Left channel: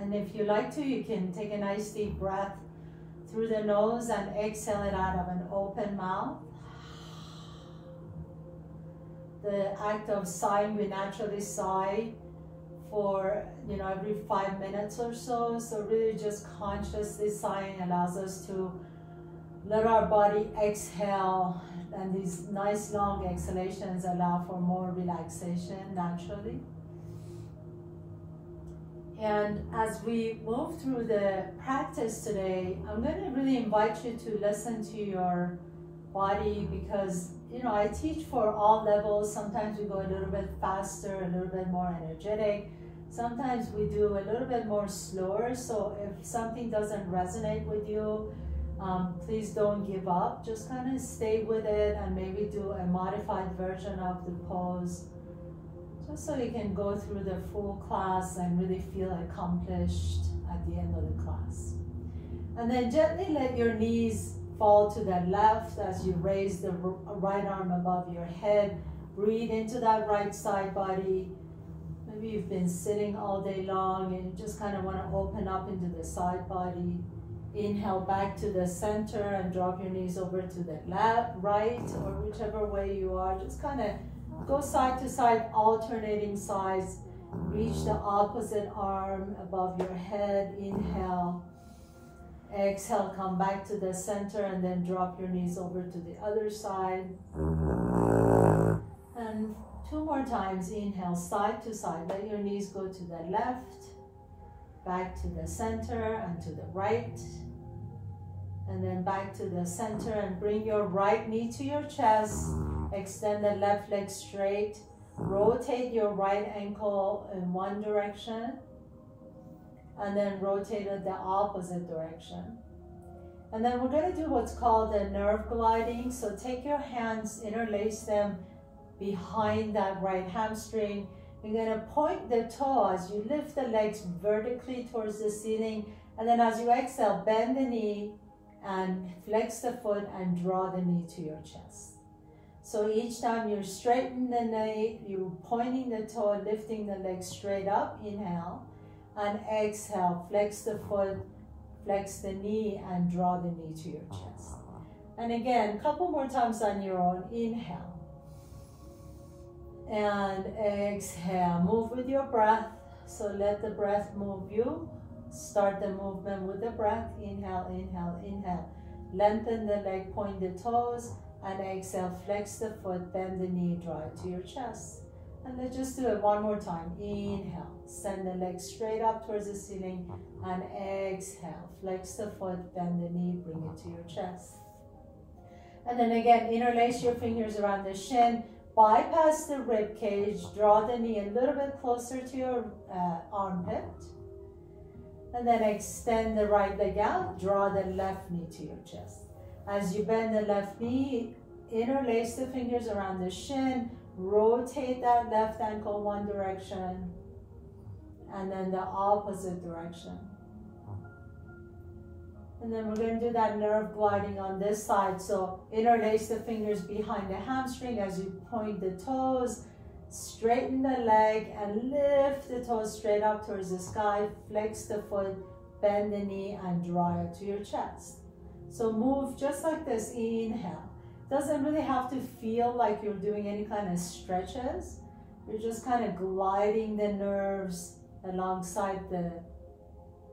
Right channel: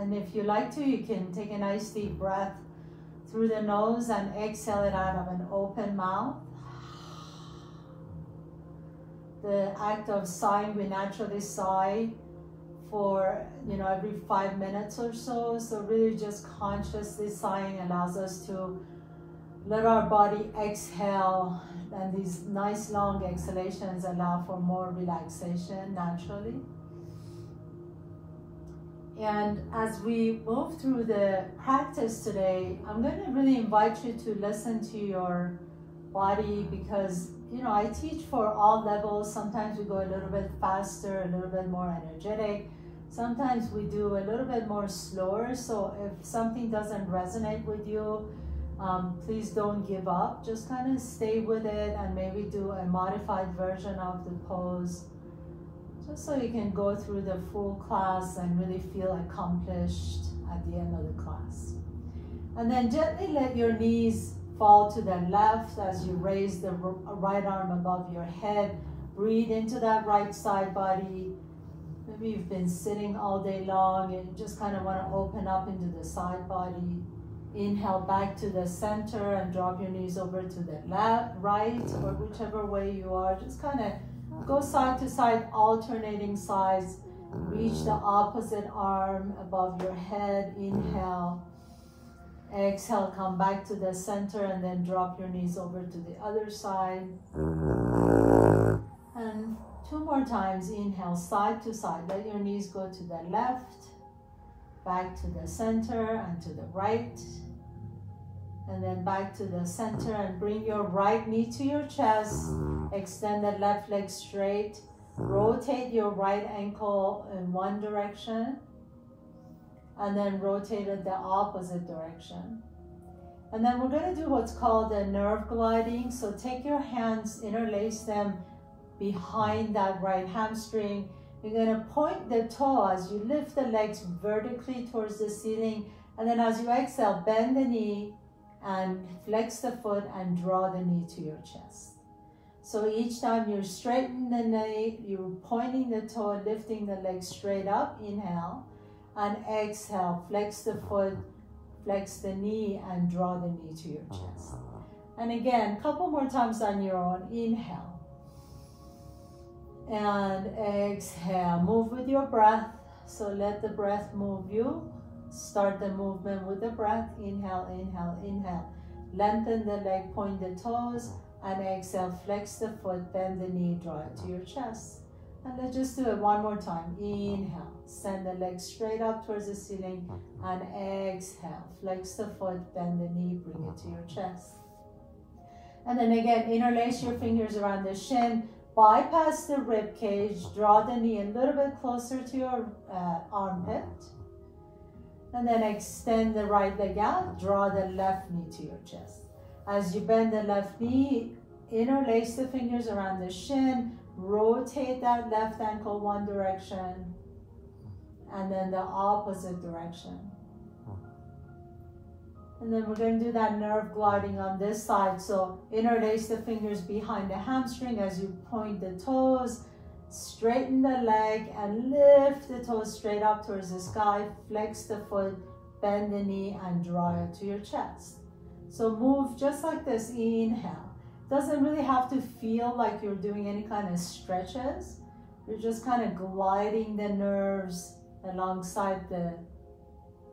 And if you like to, you can take a nice deep breath through the nose and exhale it out of an open mouth. The act of sighing, we naturally sigh for, every 5 minutes or so. So really just consciously sighing allows us to let our body exhale, and these nice long exhalations allow for more relaxation naturally. And as we move through the practice today, I'm going to really invite you to listen to your body, because I teach for all levels. Sometimes we go a little bit faster, a little bit more energetic. Sometimes we do a little bit more slower. So if something doesn't resonate with you, please don't give up. Just kind of stay with it and maybe do a modified version of the pose, just so you can go through the full class and really feel accomplished at the end of the class. And then gently let your knees fall to the left as you raise the right arm above your head. Breathe into that right side body. Maybe you've been sitting all day long and you just kind of want to open up into the side body. Inhale back to the center and drop your knees over to the left, right, or whichever way you are. Just kind of go side to side, alternating sides. Reach the opposite arm above your head. Inhale. Exhale, come back to the center and then drop your knees over to the other side. And 2 more times. Inhale, side to side. Let your knees go to the left, back to the center and to the right. And then back to the center, and bring your right knee to your chest. Extend the left leg straight. Rotate your right ankle in one direction, and then rotate it the opposite direction. And then we're going to do what's called the nerve gliding. So take your hands, interlace them behind that right hamstring. You're going to point the toe as you lift the legs vertically towards the ceiling. And then as you exhale, bend the knee and flex the foot and draw the knee to your chest. So each time you straighten the knee, you're pointing the toe, lifting the leg straight up. Inhale. And exhale, flex the foot, flex the knee, and draw the knee to your chest. And again, a couple more times on your own. Inhale. And exhale. Move with your breath. So let the breath move you. Start the movement with the breath. Inhale, inhale, inhale. Lengthen the leg, point the toes, and exhale, flex the foot, bend the knee, draw it to your chest. And let's just do it one more time. Inhale, send the leg straight up towards the ceiling, and exhale, flex the foot, bend the knee, bring it to your chest. And then again, interlace your fingers around the shin, bypass the rib cage, draw the knee a little bit closer to your armpit, and then extend the right leg out, draw the left knee to your chest. As you bend the left knee, interlace the fingers around the shin, rotate that left ankle one direction, and then the opposite direction. And then we're going to do that nerve gliding on this side. So interlace the fingers behind the hamstring as you point the toes, straighten the leg and lift the toes straight up towards the sky, flex the foot, bend the knee and draw it to your chest. So move just like this. Inhale. Doesn't really have to feel like you're doing any kind of stretches. You're just kind of gliding the nerves alongside the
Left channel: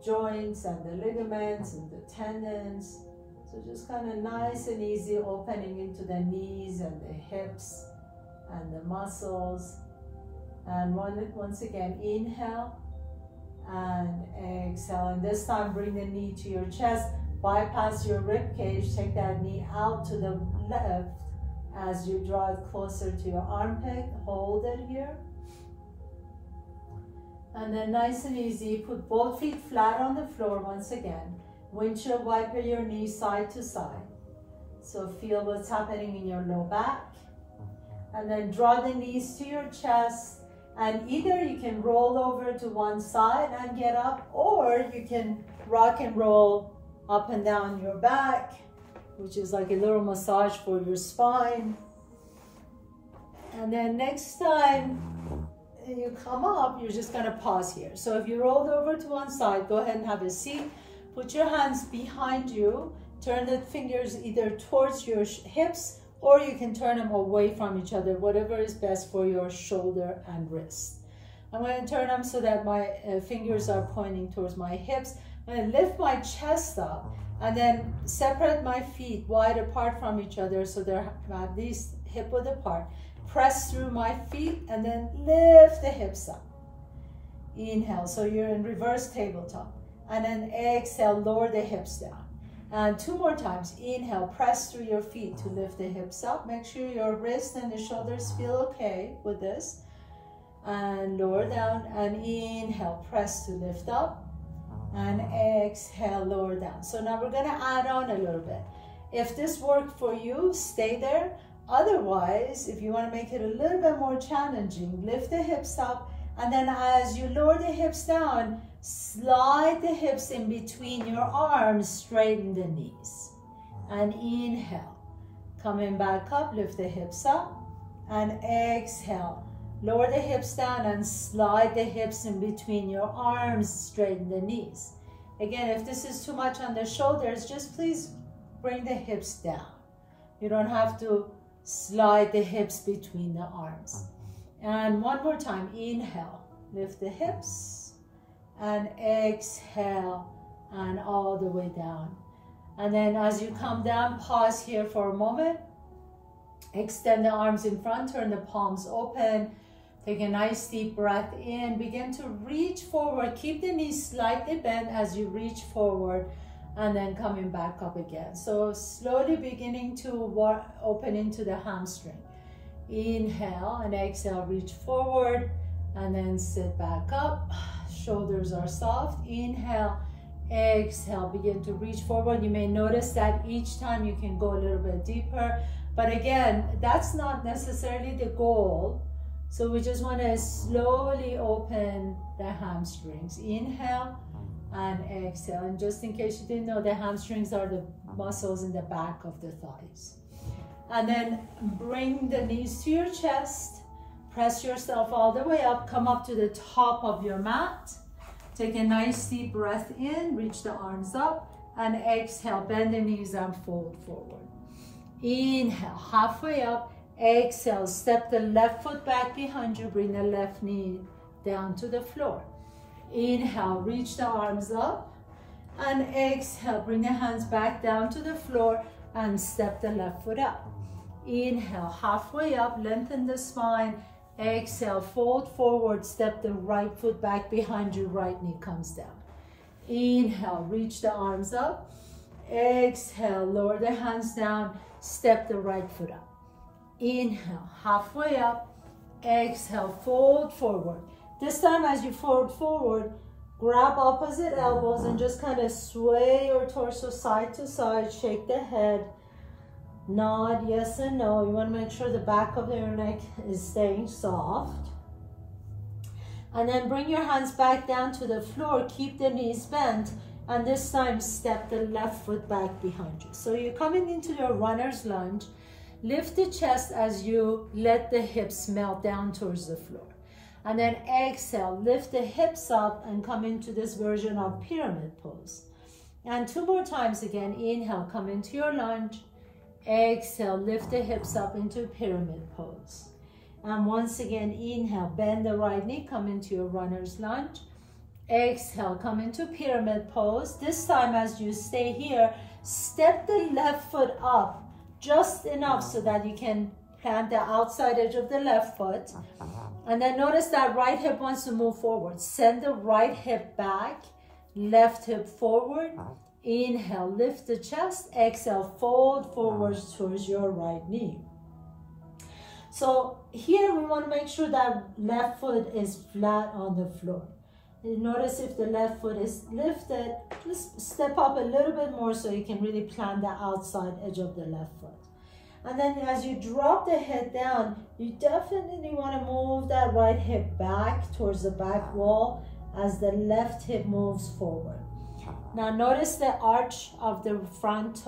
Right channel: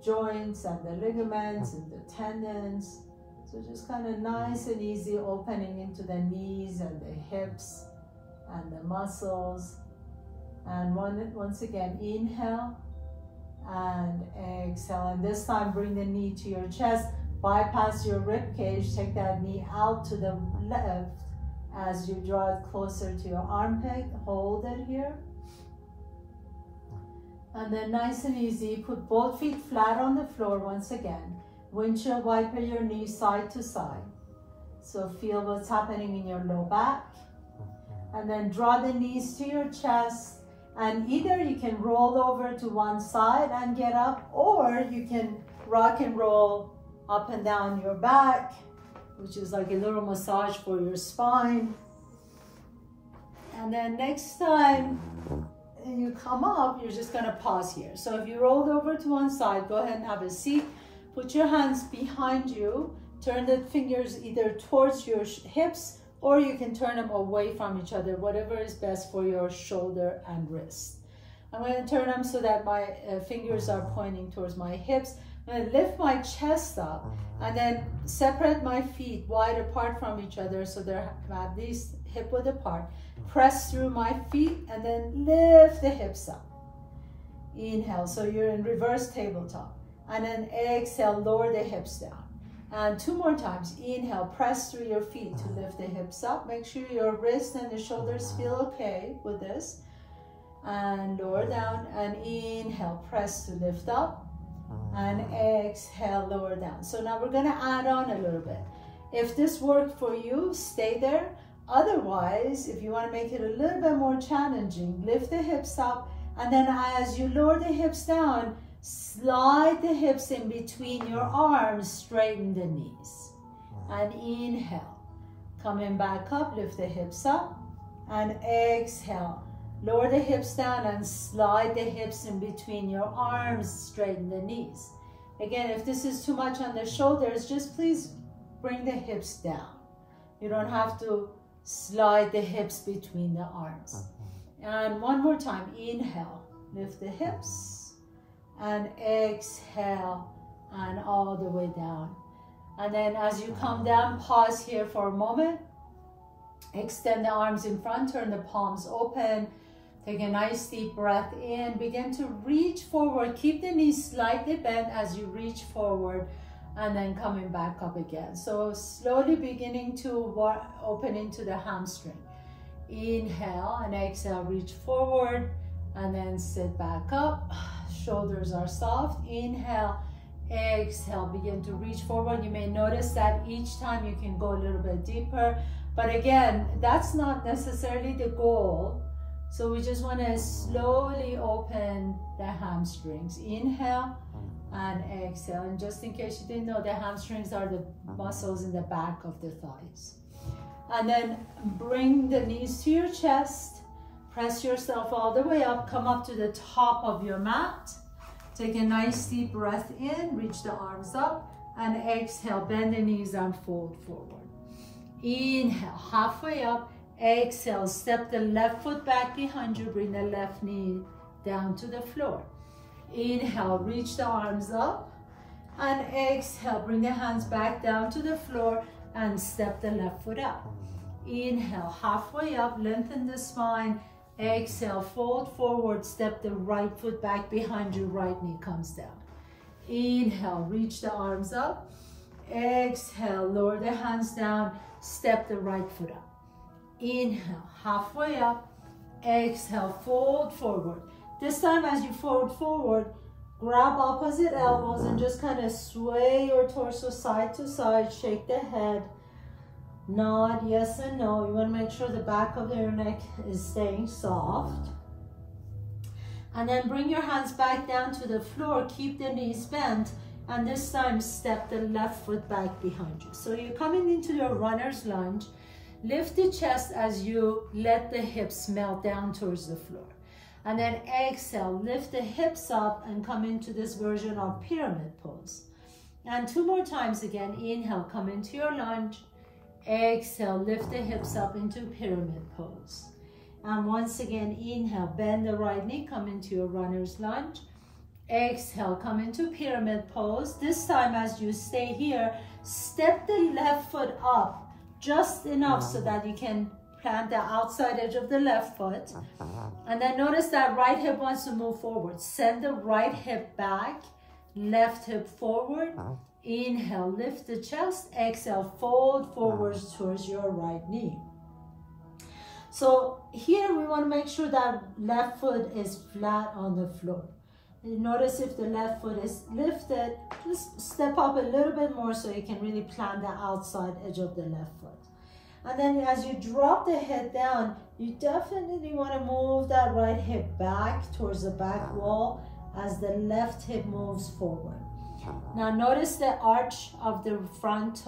joints and the ligaments and the tendons. So just kind of nice and easy, opening into the knees and the hips and the muscles. And once again, inhale and exhale. And this time, bring the knee to your chest. Bypass your rib cage, take that knee out to the left as you draw it closer to your armpit. Hold it here. And then nice and easy, put both feet flat on the floor once again. Windshield wiper your knees side to side. So feel what's happening in your low back. And then draw the knees to your chest. And either you can roll over to one side and get up, or you can rock and roll up and down your back, which is like a little massage for your spine. And then next time, you come up, you're just gonna pause here. So if you rolled over to one side, go ahead and have a seat. Put your hands behind you. Turn the fingers either towards your hips, or you can turn them away from each other, whatever is best for your shoulder and wrist. I'm gonna turn them so that my fingers are pointing towards my hips. I'm gonna lift my chest up and then separate my feet wide apart from each other so they're at least hip width apart. Press through my feet and then lift the hips up. Inhale, so you're in reverse tabletop. And then exhale, lower the hips down. And 2 more times. Inhale, press through your feet to lift the hips up. Make sure your wrists and the shoulders feel okay with this. And lower down, and inhale, press to lift up. And exhale, lower down. So now we're gonna add on a little bit. If this worked for you, stay there. Otherwise, if you wanna make it a little bit more challenging, lift the hips up, and then as you lower the hips down, slide the hips in between your arms, straighten the knees. And inhale, coming back up, lift the hips up, and exhale. Lower the hips down and slide the hips in between your arms, straighten the knees. Again, if this is too much on the shoulders, just please bring the hips down. You don't have to slide the hips between the arms. And one more time, inhale, lift the hips, and exhale, and all the way down. And then as you come down, pause here for a moment. Extend the arms in front, turn the palms open. Take a nice deep breath in. Begin to reach forward. Keep the knees slightly bent as you reach forward, and then coming back up again. So slowly beginning to open into the hamstring. Inhale and exhale, reach forward, and then sit back up. Shoulders are soft. Inhale, exhale, begin to reach forward. You may notice that each time you can go a little bit deeper, but again, that's not necessarily the goal. So we just want to slowly open the hamstrings. Inhale and exhale. And just in case you didn't know, the hamstrings are the muscles in the back of the thighs. And then bring the knees to your chest. Press yourself all the way up. Come up to the top of your mat. Take a nice deep breath in. Reach the arms up. And exhale. Bend the knees and fold forward. Inhale. Halfway up. Exhale, step the left foot back behind you, bring the left knee down to the floor. Inhale, reach the arms up, and exhale, bring the hands back down to the floor and step the left foot up. Inhale, halfway up, lengthen the spine. Exhale, fold forward, step the right foot back behind you, right knee comes down. Inhale, reach the arms up. Exhale, lower the hands down, step the right foot up. Inhale, halfway up, exhale, fold forward. This time as you fold forward, grab opposite elbows and just kind of sway your torso side to side, shake the head, nod yes and no. You want to make sure the back of your neck is staying soft. And then bring your hands back down to the floor, keep the knees bent, and this time step the left foot back behind you. So you're coming into your runner's lunge. Lift the chest as you let the hips melt down towards the floor. And then exhale, lift the hips up and come into this version of pyramid pose. And 2 more times again. Inhale, come into your lunge. Exhale, lift the hips up into pyramid pose. And once again, inhale, bend the right knee, come into your runner's lunge. Exhale, come into pyramid pose. This time as you stay here, step the left foot up just enough so that you can plant the outside edge of the left foot. And then notice that right hip wants to move forward. Send the right hip back, left hip forward. Inhale, lift the chest. Exhale, fold forwards towards your right knee. So here we want to make sure that left foot is flat on the floor. You notice if the left foot is lifted, just step up a little bit more so you can really plant the outside edge of the left foot. And then as you drop the head down, you definitely want to move that right hip back towards the back wall as the left hip moves forward. Now notice the arch of the front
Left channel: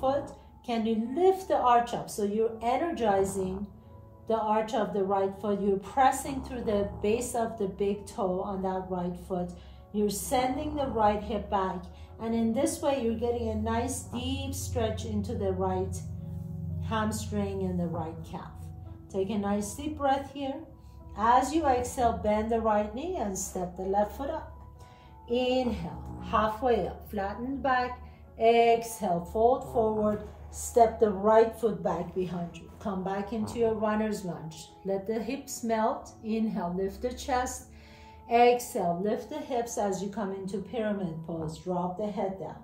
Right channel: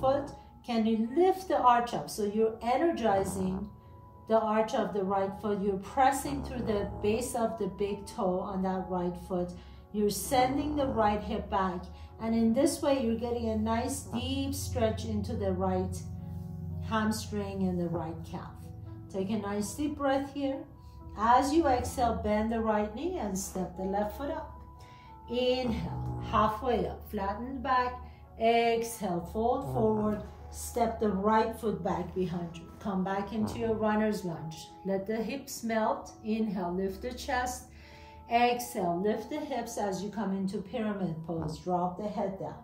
foot. Can you lift the arch up? So you're energizing the arch of the right foot. You're pressing through the base of the big toe on that right foot. You're sending the right hip back. And in this way, you're getting a nice deep stretch into the right hamstring and the right calf. Take a nice deep breath here. As you exhale, bend the right knee and step the left foot up. Inhale, halfway up, flatten back. Exhale, fold forward. Step the right foot back behind you. Come back into your runner's lunge. Let the hips melt. Inhale, lift the chest. Exhale, lift the hips as you come into pyramid pose. Drop the head down.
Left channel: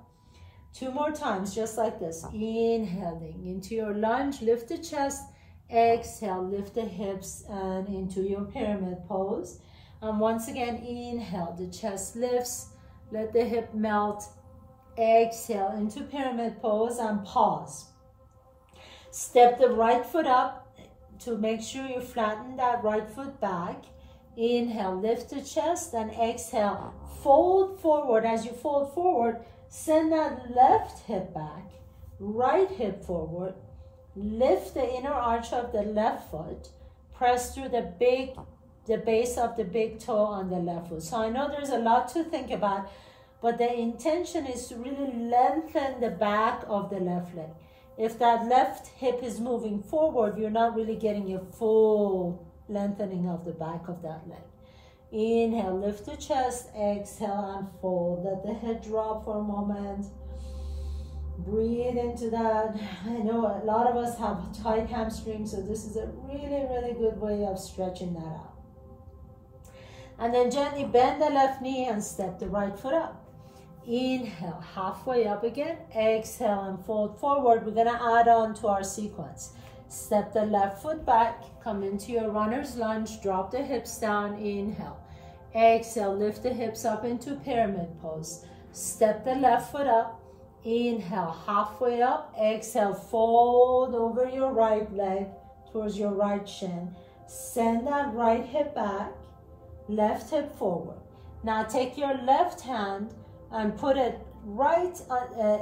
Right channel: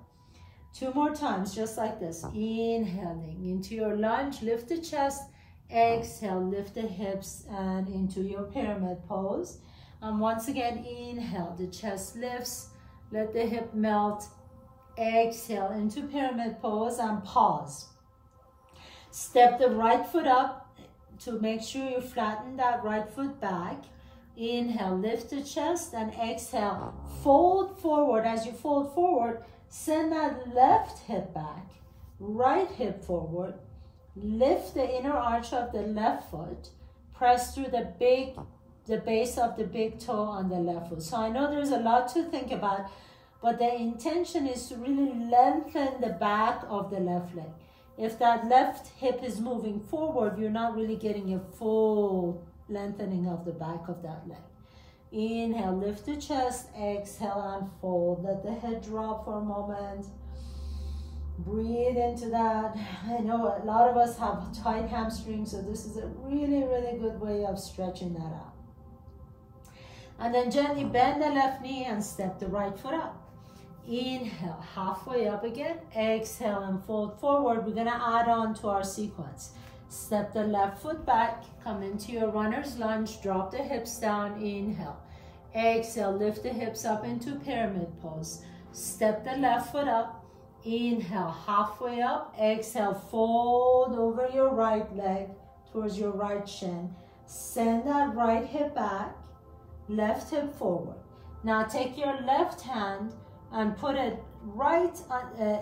2 more times, just like this. Inhaling into your lunge, lift the chest. Exhale, lift the hips and into your pyramid pose. And once again, inhale, the chest lifts. Let the hip melt. Exhale into pyramid pose and pause. Step the right foot up to make sure you flatten that right foot back. Inhale, lift the chest, and exhale, fold forward. As you fold forward, send that left hip back, right hip forward. Lift the inner arch of the left foot. Press through the base of the big toe on the left foot. So I know there's a lot to think about, but the intention is to really lengthen the back of the left leg. If that left hip is moving forward, you're not really getting a full lengthening of the back of that leg. Inhale, lift the chest, exhale and fold. Let the head drop for a moment. Breathe into that. I know a lot of us have tight hamstrings, so this is a really, really good way of stretching that out. And then gently bend the left knee and step the right foot up. Inhale, halfway up again. Exhale and fold forward. We're gonna add on to our sequence. Step the left foot back, come into your runner's lunge, drop the hips down, inhale. Exhale, lift the hips up into pyramid pose. Step the left foot up, inhale, halfway up. Exhale, fold over your right leg towards your right shin. Send that right hip back, left hip forward. Now take your left hand and put it right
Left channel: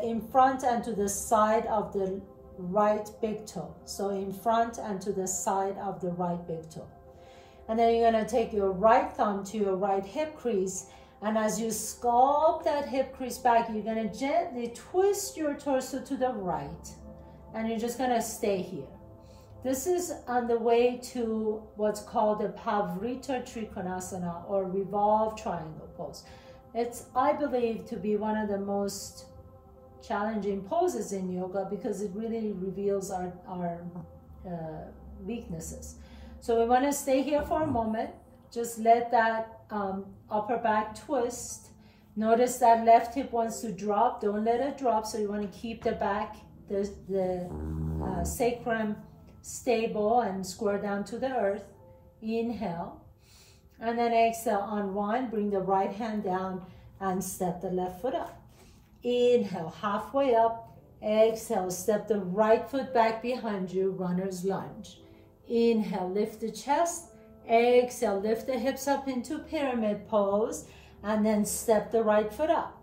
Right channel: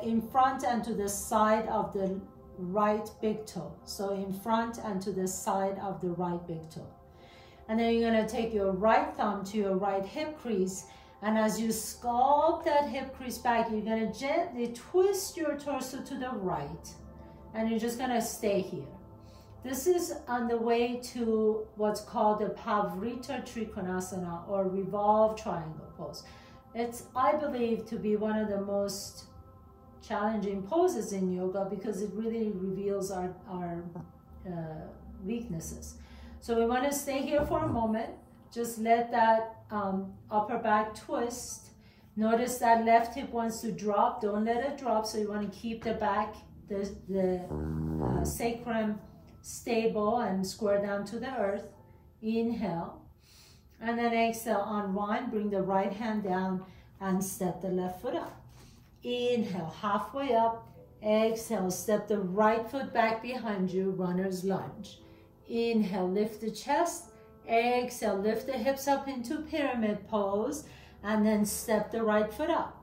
in front and to the side of the right big toe. So in front and to the side of the right big toe. And then you're gonna take your right thumb to your right hip crease, and as you sculpt that hip crease back, you're gonna gently twist your torso to the right, and you're just gonna stay here. This is on the way to what's called the Pavrita Trikonasana, or revolve triangle pose. It's, I believe, to be one of the most challenging poses in yoga because it really reveals our weaknesses. So we want to stay here for a moment. Just let that upper back twist. Notice that left hip wants to drop. Don't let it drop. So you want to keep the back, the sacrum stable and square down to the earth. Inhale. And then exhale, unwind, bring the right hand down and step the left foot up. Inhale, halfway up. Exhale, step the right foot back behind you, runner's lunge. Inhale, lift the chest. Exhale, lift the hips up into pyramid pose, and then step the right foot up.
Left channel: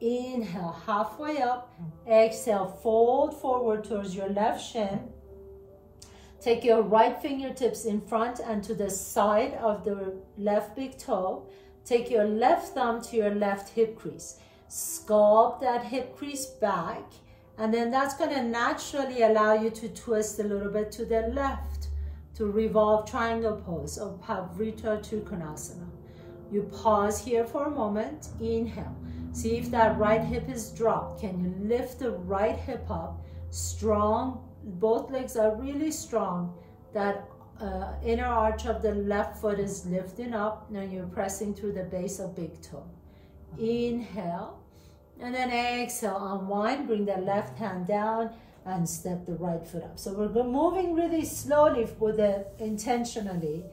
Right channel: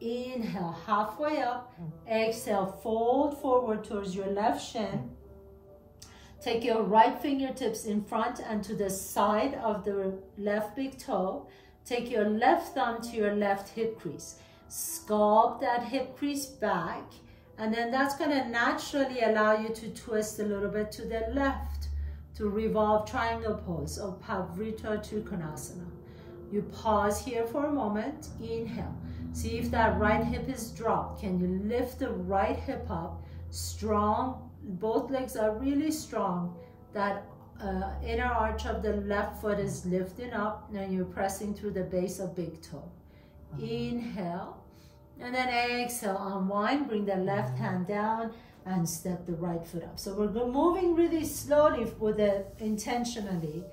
Inhale, halfway up. Exhale, fold forward towards your left shin. Take your right fingertips in front and to the side of the left big toe. Take your left thumb to your left hip crease. Sculpt that hip crease back, and then that's going to naturally allow you to twist a little bit to the left to revolve triangle pose of Pavrita Trikonasana. You pause here for a moment. Inhale. See if that right hip is dropped. Can you lift the right hip up? Strong. Both legs are really strong. That inner arch of the left foot is lifting up. Now you're pressing through the base of big toe. Inhale. And then exhale, unwind, bring the left hand down and step the right foot up. So we're moving really slowly with the intentionally,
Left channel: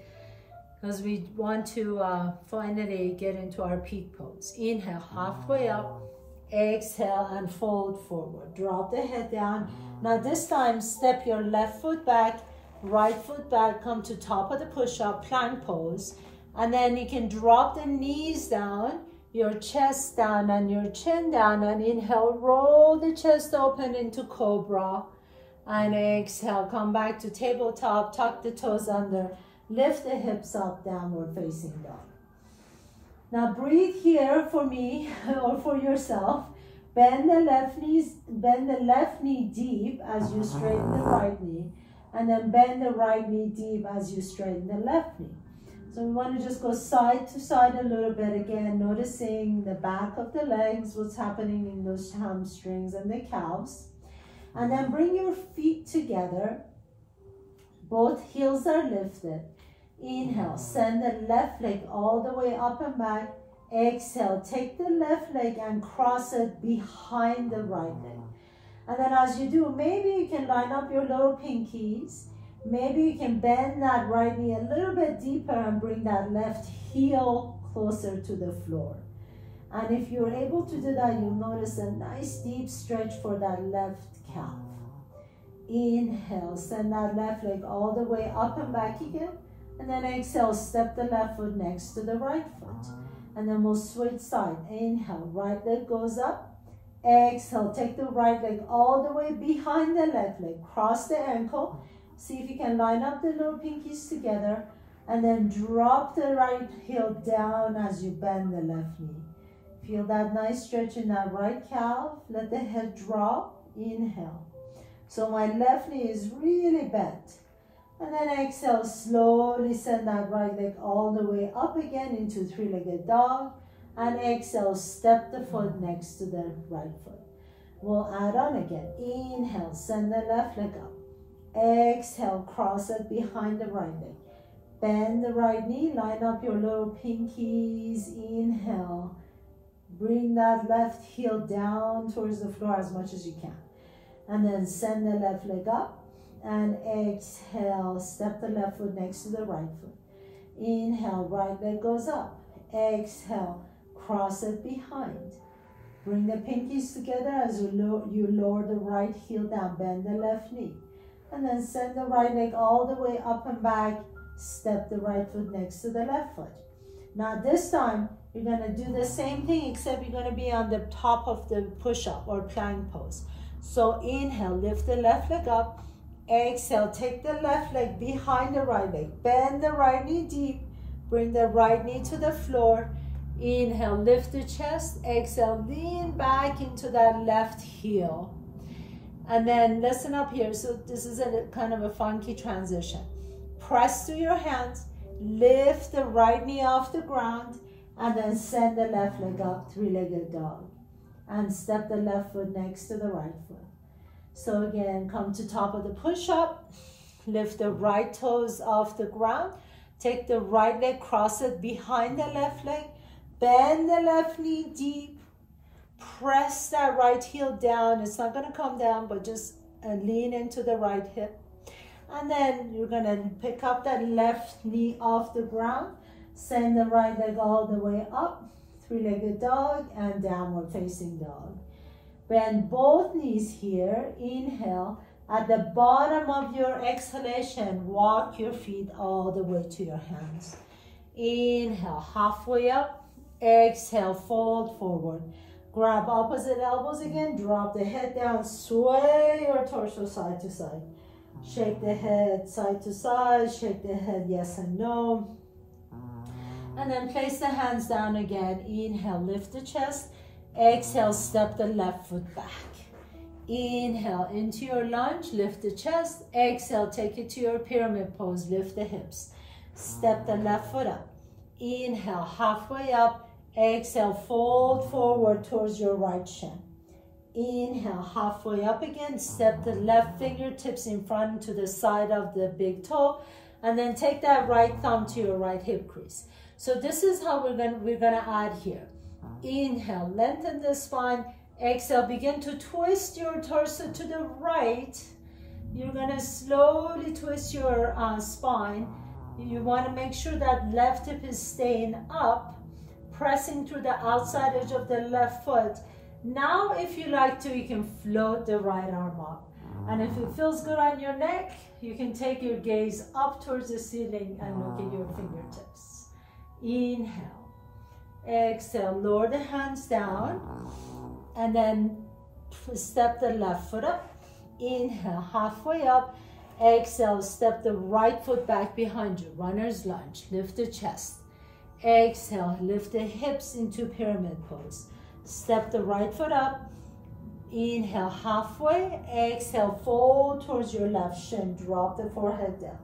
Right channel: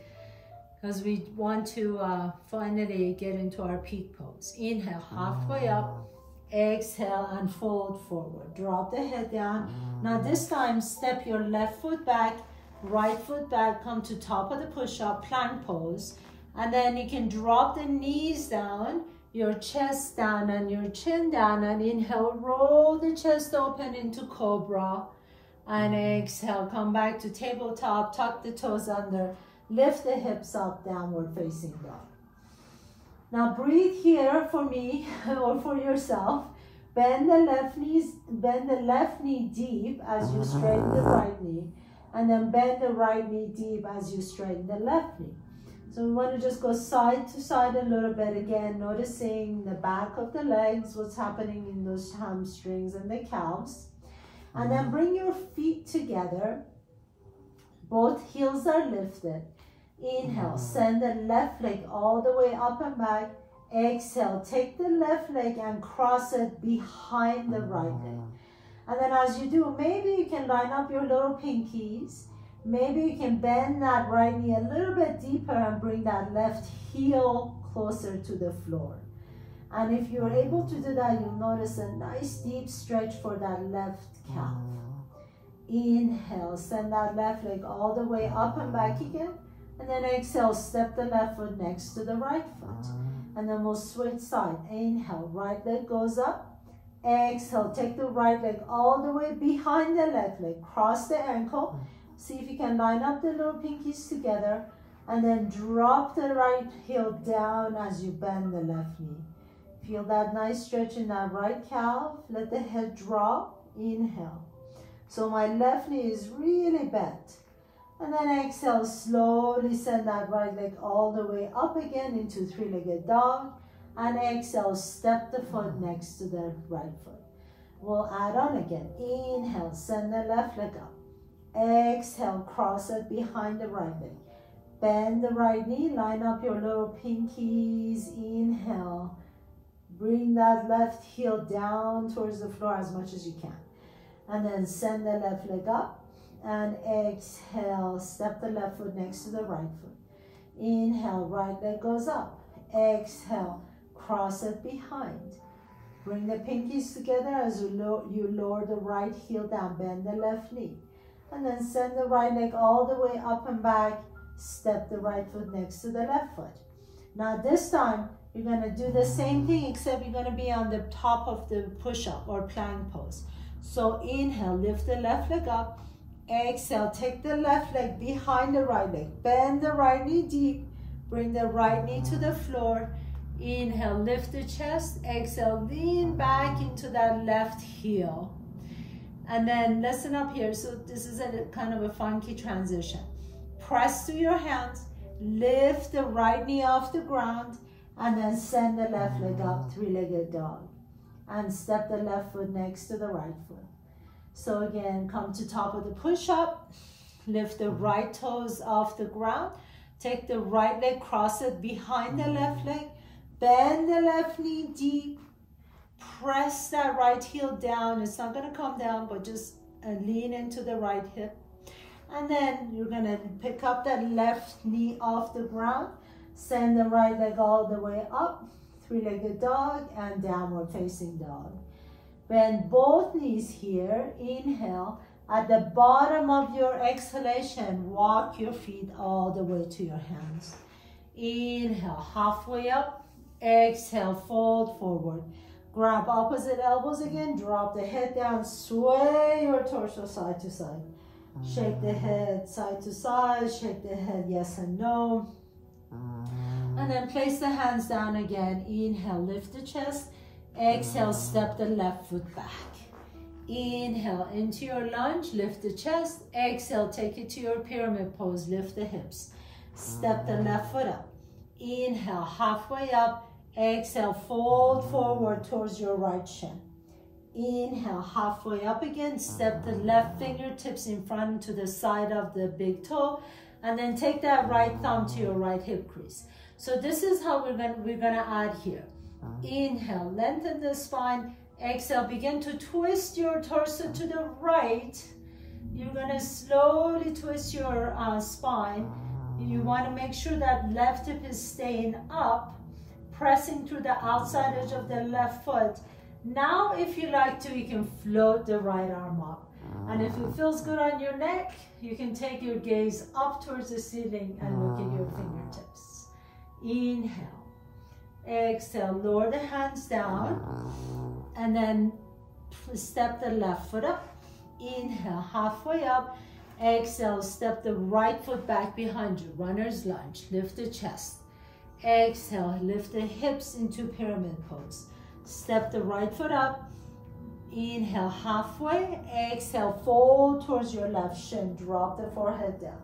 because we want to finally get into our peak pose. Inhale, halfway up. Exhale and fold forward. Drop the head down. Now this time, step your left foot back, right foot back, come to top of the push-up, plank pose. And then you can drop the knees down, your chest down and your chin down, and inhale, roll the chest open into cobra. And exhale, come back to tabletop, tuck the toes under, lift the hips up, downward facing dog. Now breathe here for me or for yourself. Bend the left knee deep as you straighten the right knee, and then bend the right knee deep as you straighten the left knee. So we want to just go side to side a little bit again, noticing the back of the legs, what's happening in those hamstrings and the calves. And then bring your feet together. Both heels are lifted. Inhale, send the left leg all the way up and back. Exhale, take the left leg and cross it behind the right leg. And then as you do, maybe you can line up your little pinkies. Maybe you can bend that right knee a little bit deeper and bring that left heel closer to the floor. And if you're able to do that, you'll notice a nice deep stretch for that left calf. Inhale, send that left leg all the way up and back again. And then exhale, step the left foot next to the right foot. And then we'll switch side. Inhale, right leg goes up. Exhale, take the right leg all the way behind the left leg. Cross the ankle. See if you can line up the little pinkies together. And then drop the right heel down as you bend the left knee. Feel that nice stretch in that right calf. Let the head drop. Inhale. So my left knee is really bent. And then exhale, slowly send that right leg all the way up again into three-legged dog. And exhale, step the foot next to the right foot. We'll add on again. Inhale, send the left leg up. Exhale, cross it behind the right leg. Bend the right knee, line up your little pinkies. Inhale, bring that left heel down towards the floor as much as you can. And then send the left leg up. And exhale, step the left foot next to the right foot. Inhale, right leg goes up. Exhale, cross it behind. Bring the pinkies together as you lower the right heel down, bend the left knee. And then send the right leg all the way up and back. Step the right foot next to the left foot. Now this time, you're going to do the same thing, except you're going to be on the top of the push-up or plank pose. So inhale, lift the left leg up. Exhale, take the left leg behind the right leg. Bend the right knee deep. Bring the right knee to the floor. Inhale, lift the chest. Exhale, lean back into that left heel. And then listen up here. So this is a kind of a funky transition. Press to your hands. Lift the right knee off the ground. And then send the left leg up, three-legged dog. And step the left foot next to the right foot. So again, come to top of the push-up, lift the right toes off the ground, take the right leg, cross it behind the left leg, bend the left knee deep, press that right heel down. It's not gonna come down, but just lean into the right hip. And then you're gonna pick up that left knee off the ground, send the right leg all the way up, three-legged dog and downward facing dog. Bend both knees here. Inhale. At the bottom of your exhalation, walk your feet all the way to your hands. Inhale, halfway up. Exhale, fold forward. Grab opposite elbows again. Drop the head down. Sway your torso side to side. Shake the head side to side. Shake the head yes and no. And then place the hands down again. Inhale, lift the chest. Exhale, step the left foot back. Inhale into your lunge, lift the chest. Exhale, take it to your pyramid pose, lift the hips. Step the left foot up. Inhale, halfway up. Exhale, fold forward towards your right shin. Inhale, halfway up again. Step the left fingertips in front to the side of the big toe. And then take that right thumb to your right hip crease. So this is how we're gonna add here. Inhale, lengthen the spine. Exhale, begin to twist your torso to the right. You're gonna slowly twist your spine. You wanna make sure that left hip is staying up, pressing through the outside edge of the left foot. Now, if you like to, you can float the right arm up. And if it feels good on your neck, you can take your gaze up towards the ceiling and look at your fingertips. Inhale. Exhale, lower the hands down, and then step the left foot up. Inhale, halfway up. Exhale, step the right foot back behind you. Runner's lunge. Lift the chest. Exhale, lift the hips into pyramid pose. Step the right foot up. Inhale, halfway. Exhale, fold towards your left shin. Drop the forehead down.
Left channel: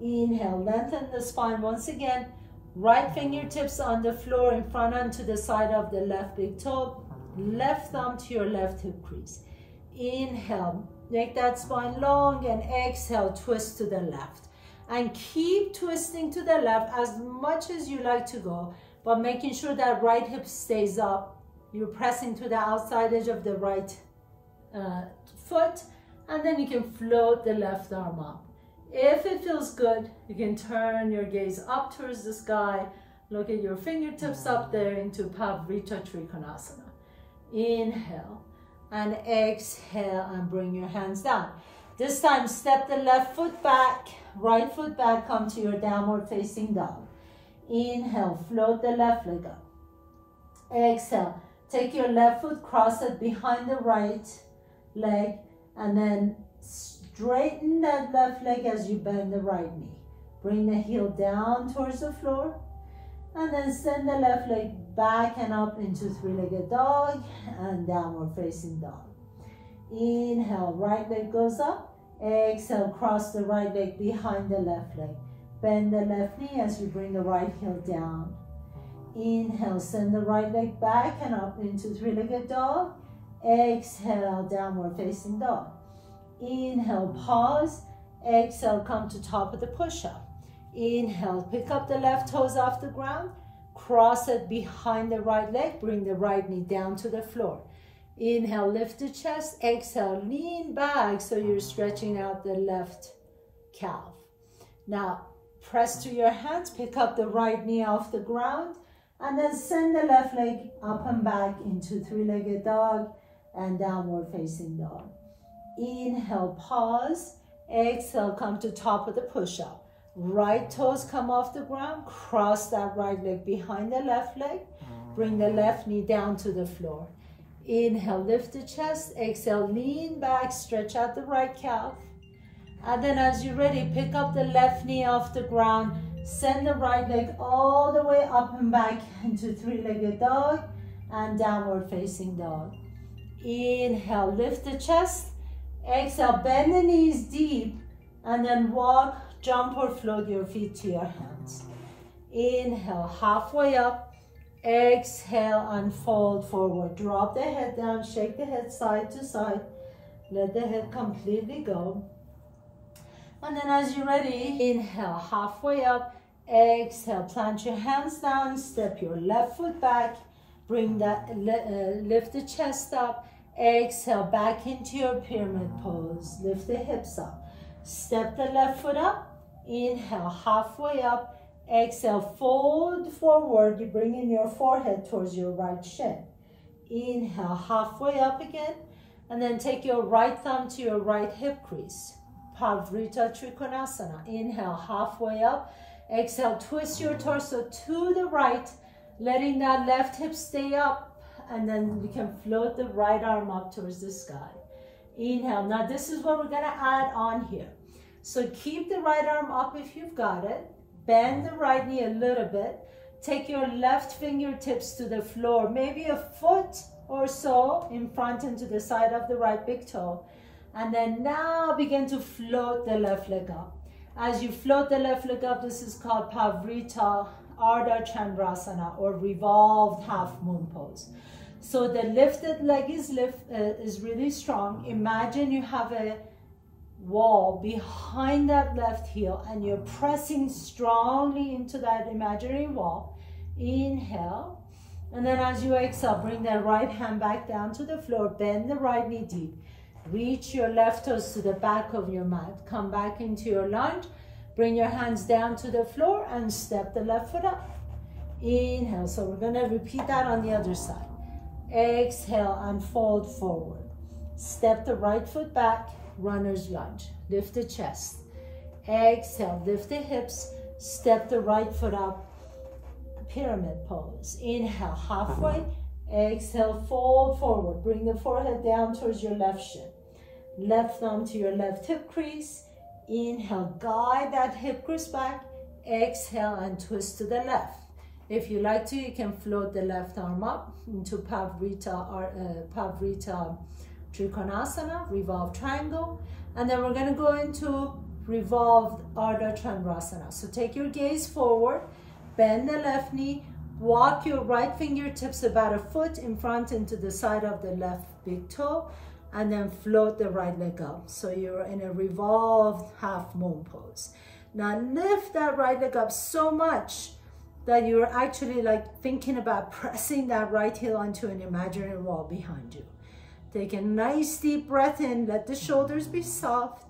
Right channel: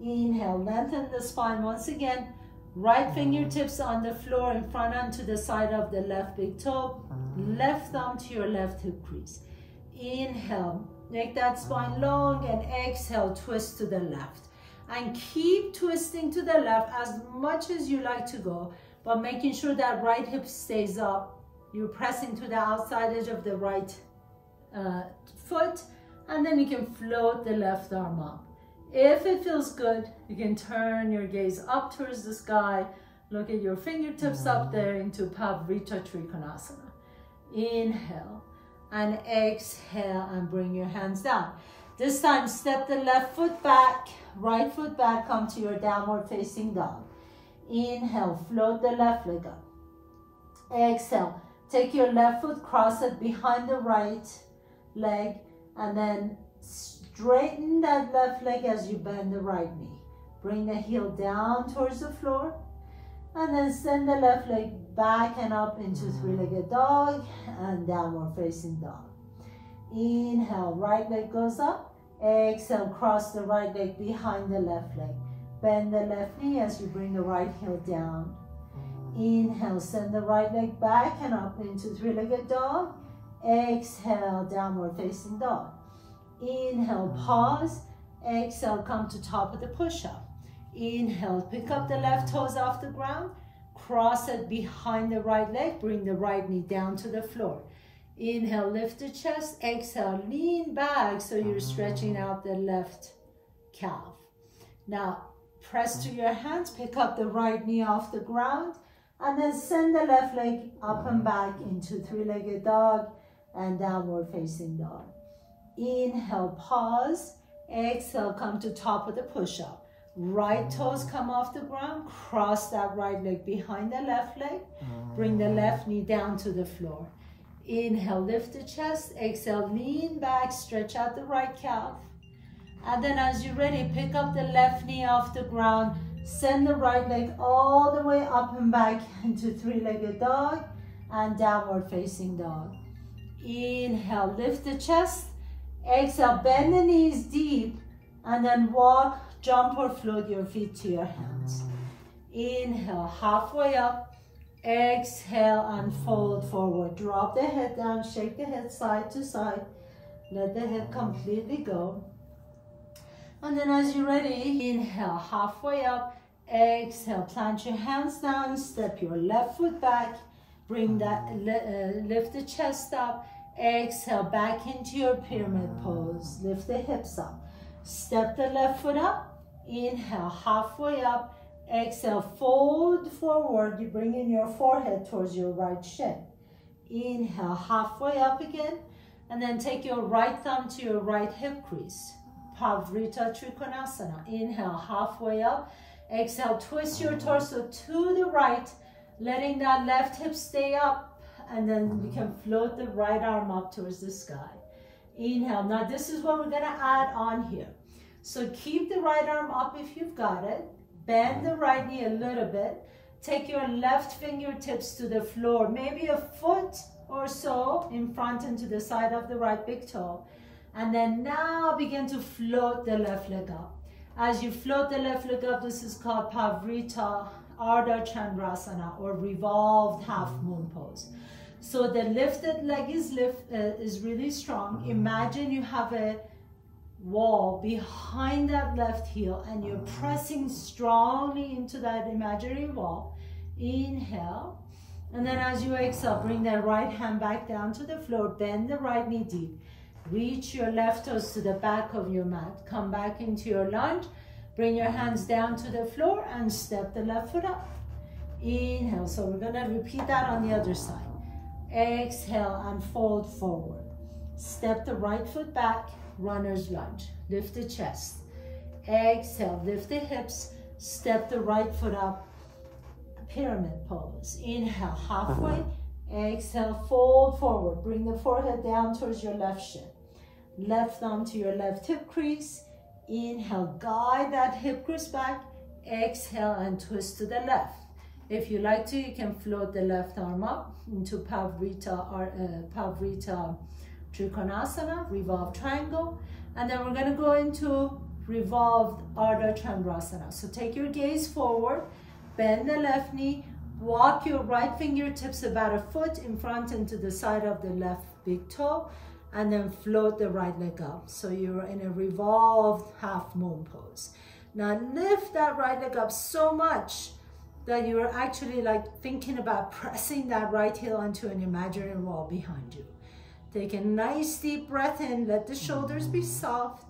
Inhale, lengthen the spine once again. Right fingertips on the floor in front onto the side of the left big toe. Left thumb to your left hip crease. Inhale, make that spine long, and exhale, twist to the left. And keep twisting to the left as much as you like to go, but making sure that right hip stays up. You're pressing to the outside edge of the right foot, and then you can float the left arm up. If it feels good, you can turn your gaze up towards the sky. Look at your fingertips up there into Pavrita Trikonasana. Inhale and exhale, and bring your hands down. This time, step the left foot back, right foot back, come to your downward facing dog. Inhale, float the left leg up. Exhale, take your left foot, cross it behind the right leg, and then straighten that left leg as you bend the right knee. Bring the heel down towards the floor, and then send the left leg back and up into three-legged dog and downward facing dog. Inhale, right leg goes up. Exhale, cross the right leg behind the left leg. Bend the left knee as you bring the right heel down. Inhale, send the right leg back and up into three-legged dog. Exhale, downward facing dog. Inhale, pause. Exhale, come to top of the push-up. Inhale, pick up the left toes off the ground. Cross it behind the right leg. Bring the right knee down to the floor. Inhale, lift the chest. Exhale, lean back so you're stretching out the left calf. Now, press to your hands. Pick up the right knee off the ground. And then send the left leg up and back into three-legged dog and downward facing dog. Inhale, pause. Exhale, come to top of the push-up. Right toes come off the ground. Cross that right leg behind the left leg. Bring the left knee down to the floor. Inhale, lift the chest. Exhale, lean back, stretch out the right calf. And then as you're ready, pick up the left knee off the ground. Send the right leg all the way up and back into three-legged dog and downward facing dog. Inhale, lift the chest. Exhale, bend the knees deep, and then walk, jump or float your feet to your hands. Inhale, halfway up. Exhale, and fold forward. Drop the head down, shake the head side to side. Let the head completely go. And then as you're ready, inhale, halfway up. Exhale, plant your hands down, step your left foot back. Bring that, lift the chest up. Exhale, back into your pyramid pose. Lift the hips up. Step the left foot up. Inhale, halfway up. Exhale, fold forward. You bring in your forehead towards your right shin. Inhale, halfway up again. And then take your right thumb to your right hip crease. Pavrita Trikonasana. Inhale, halfway up. Exhale, twist your torso to the right, letting that left hip stay up. And then we can float the right arm up towards the sky. Inhale. Now this is what we're going to add on here. So keep the right arm up if you've got it. Bend the right knee a little bit. Take your left fingertips to the floor, maybe a foot or so in front and to the side of the right big toe. And then now begin to float the left leg up. As you float the left leg up, this is called Pavrita Ardha Chandrasana, or revolved half moon pose. So the lifted leg is really strong. Imagine you have a wall behind that left heel and you're pressing strongly into that imaginary wall. Inhale. And then as you exhale, bring the right hand back down to the floor. Bend the right knee deep. Reach your left toes to the back of your mat. Come back into your lunge. Bring your hands down to the floor and step the left foot up. Inhale. So we're going to repeat that on the other side. Exhale and fold forward. Step the right foot back, runner's lunge. Lift the chest. Exhale, lift the hips. Step the right foot up, pyramid pose. Inhale, halfway. Exhale, fold forward. Bring the forehead down towards your left shin. left arm to your left hip crease. Inhale, guide that hip crease back. Exhale and twist to the left. If you like to, you can float the left arm up into Pavrita Trikonasana, revolve triangle. And then we're gonna go into revolved Ardha Chandrasana. So take your gaze forward, bend the left knee, walk your right fingertips about a foot in front into the side of the left big toe, and then float the right leg up. So you're in a revolved half moon pose. Now lift that right leg up so much that you're actually like thinking about pressing that right heel onto an imaginary wall behind you. Take a nice deep breath in, let the shoulders be soft.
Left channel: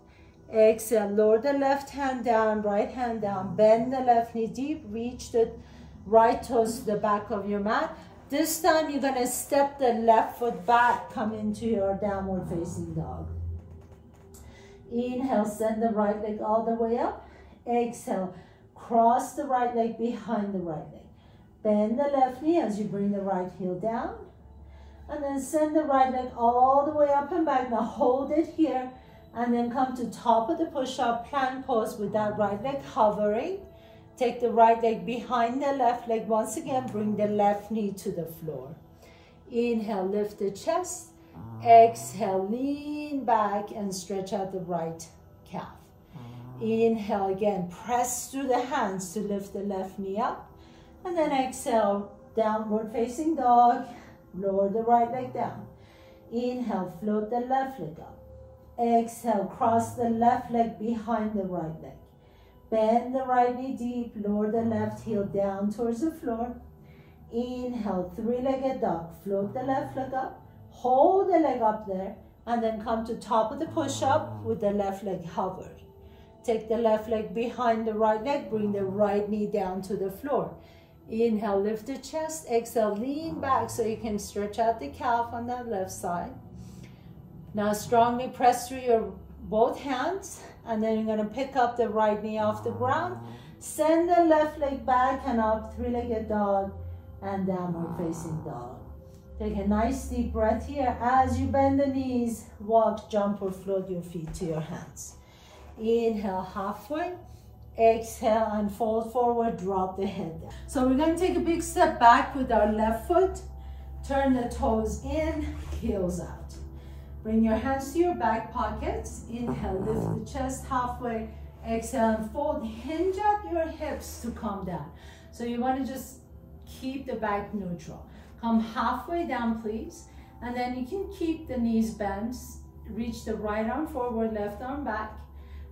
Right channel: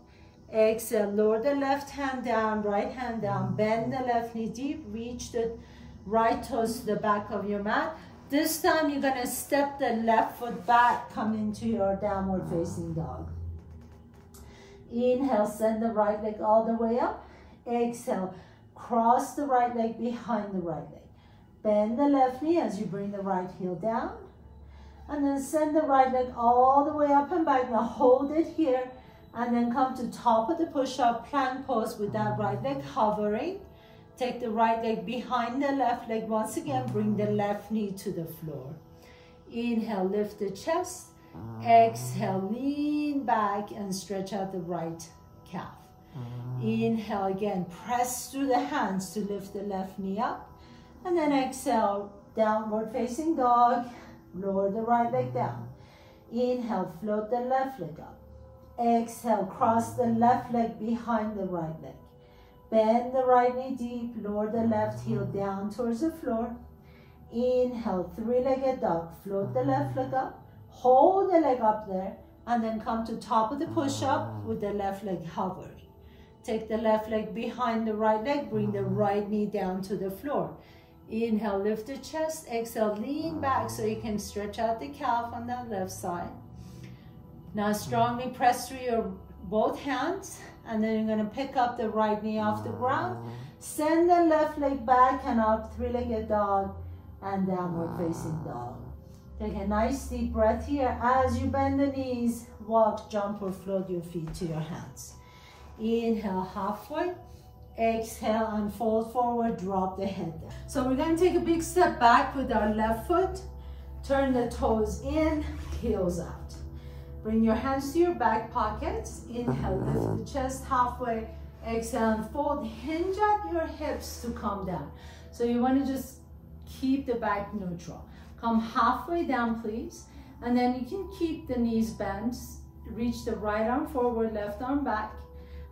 Exhale, lower the left hand down, right hand down, bend the left knee deep, reach the right toes to the back of your mat. This time you're gonna step the left foot back, come into your downward facing dog. Inhale, send the right leg all the way up. Exhale, cross the right leg behind the right leg. Bend the left knee as you bring the right heel down. And then send the right leg all the way up and back. Now hold it here. And then come to top of the push-up plank pose with that right leg hovering. Take the right leg behind the left leg. Once again, bring the left knee to the floor. Inhale, lift the chest. Exhale, lean back and stretch out the right calf. Inhale again, press through the hands to lift the left knee up. And then exhale, downward facing dog. Lower the right leg down. Inhale, float the left leg up. Exhale, cross the left leg behind the right leg. Bend the right knee deep, lower the left heel down towards the floor. Inhale, three-legged dog. Float the left leg up, hold the leg up there, and then come to top of the push-up with the left leg hovering. Take the left leg behind the right leg, bring the right knee down to the floor. Inhale, lift the chest. Exhale, lean back so you can stretch out the calf on that left side. Now strongly press through your both hands, and then you're gonna pick up the right knee off the ground. Send the left leg back and up, three-legged dog and downward facing dog. Take a nice deep breath here. As you bend the knees, walk, jump, or float your feet to your hands. Inhale, halfway. Exhale and fold forward, drop the head down. So we're gonna take a big step back with our left foot. Turn the toes in, heels out. Bring your hands to your back pockets. Inhale, lift the chest halfway. Exhale and fold. Hinge at your hips to come down. So you want to just keep the back neutral. Come halfway down, please. And then you can keep the knees bent. Reach the right arm forward, left arm back.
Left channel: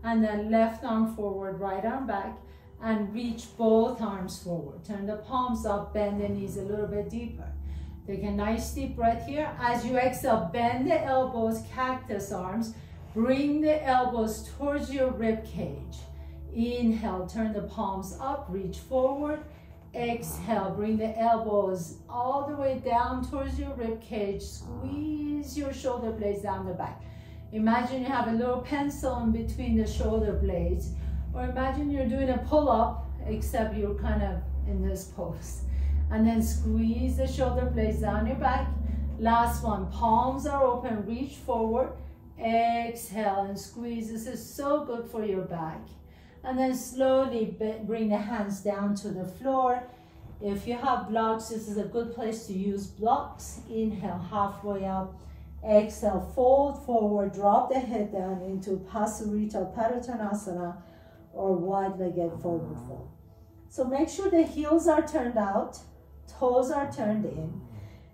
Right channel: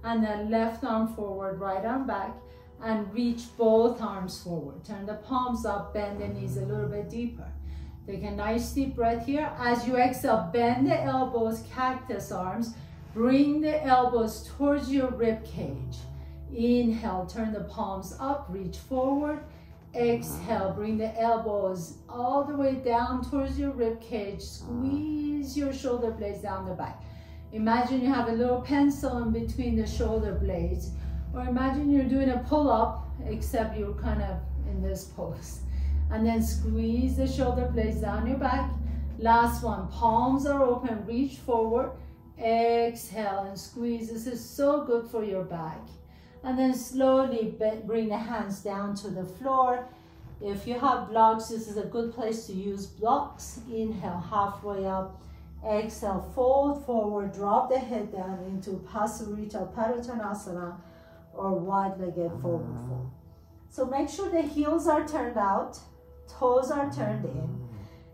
And then left arm forward, right arm back. And reach both arms forward. Turn the palms up, bend the knees a little bit deeper. Take a nice deep breath here. As you exhale, bend the elbows, cactus arms. Bring the elbows towards your rib cage. Inhale, turn the palms up, reach forward. Exhale, bring the elbows all the way down towards your rib cage. Squeeze your shoulder blades down the back. Imagine you have a little pencil in between the shoulder blades. Or imagine you're doing a pull-up, except you're kind of in this pose. And then squeeze the shoulder blades down your back. Last one, palms are open, reach forward. Exhale and squeeze. This is so good for your back. And then slowly bring the hands down to the floor. If you have blocks, this is a good place to use blocks. Inhale, halfway up. Exhale, fold forward, drop the head down into Pasurita Padottanasana or wide-legged forward fold. So make sure the heels are turned out. Toes are turned in.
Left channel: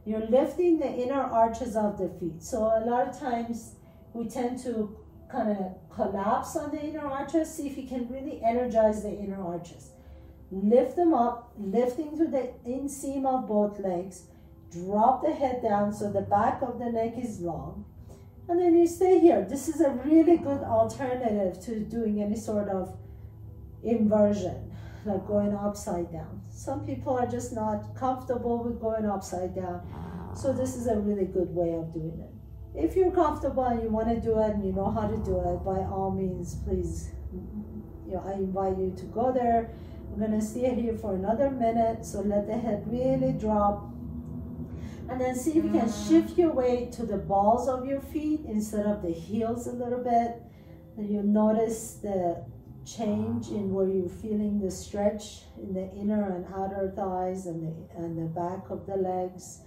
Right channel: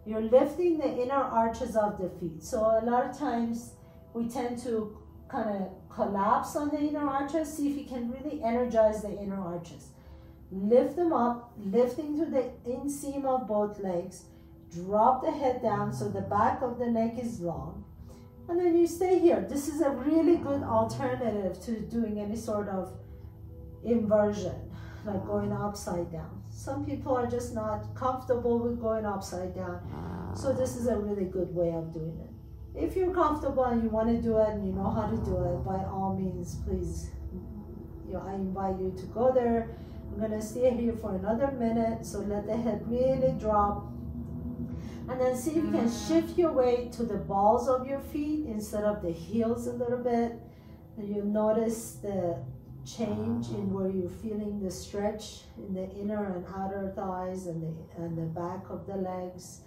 You're lifting the inner arches of the feet. So a lot of times we tend to kind of collapse on the inner arches. See if you can really energize the inner arches. Lift them up, lifting to the inseam of both legs. Drop the head down so the back of the neck is long. And then you stay here. This is a really good alternative to doing any sort of inversion, like going upside down. Some people are just not comfortable with going upside down. So this is a really good way of doing it. If you're comfortable and you want to do it and you know how to do it, by all means, please, I invite you to go there. I'm going to stay here for another minute. So let the head really drop. And then see if you can shift your weight to the balls of your feet instead of the heels a little bit. And you'll notice the change in where you're feeling the stretch in the inner and outer thighs and the back of the legs.